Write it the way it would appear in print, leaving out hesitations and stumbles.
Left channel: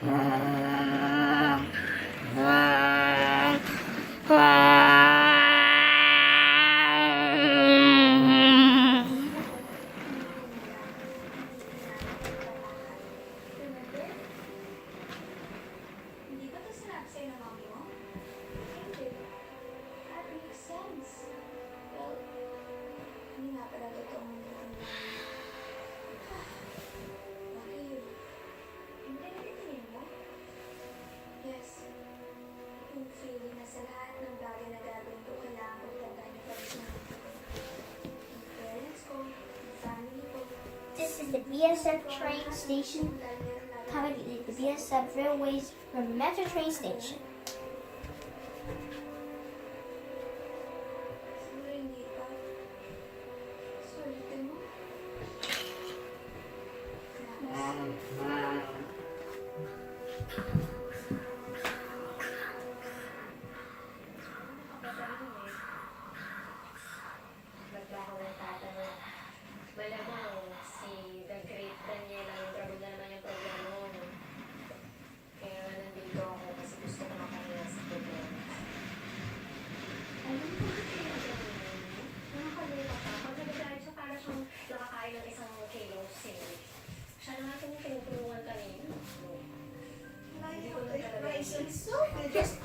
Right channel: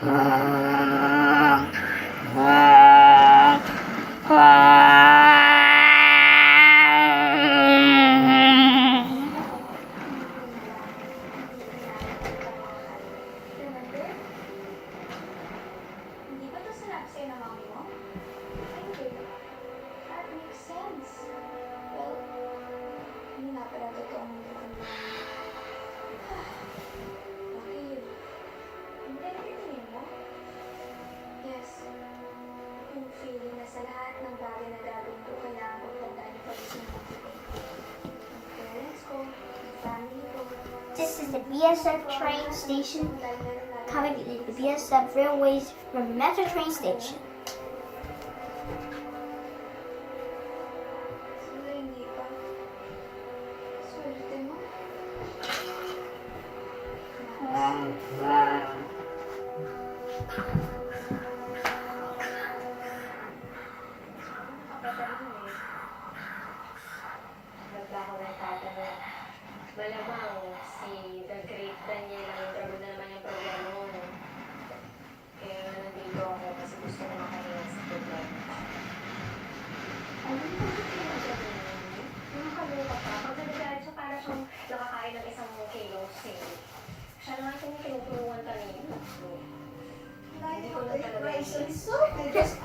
Hindi ba ito sinabi sa'yo ng mami mo? Ay, hindi. That makes sense. Well, hindi nga pala totoong mukhang mami. Bakit? Hindi na titingin mo? Yes. Yung feeling na sa lahat ng bagay na gagawin ko, kailangan ko tandaan yung pag-sinabi ko. Yung parents ko, yung family ko. This is the BSF train station. Coming to the BSF Railways from Metro train station. Siguro hindi pa. Swerte mo. Nagbaho ng tatanong. Malamang si The Great Daniel ang trouble na naman yung problema mo. No? Kaya nandito ako kasi gusto ko makahilan sa problema. Alam mo ba pinagawa mo? Yung makalimutan ka, pag nagagalit siya para siyang nakakain ng isang kilong sale. Siya naman yung tinutulungan kanina. Hindi ko na talaga. So, just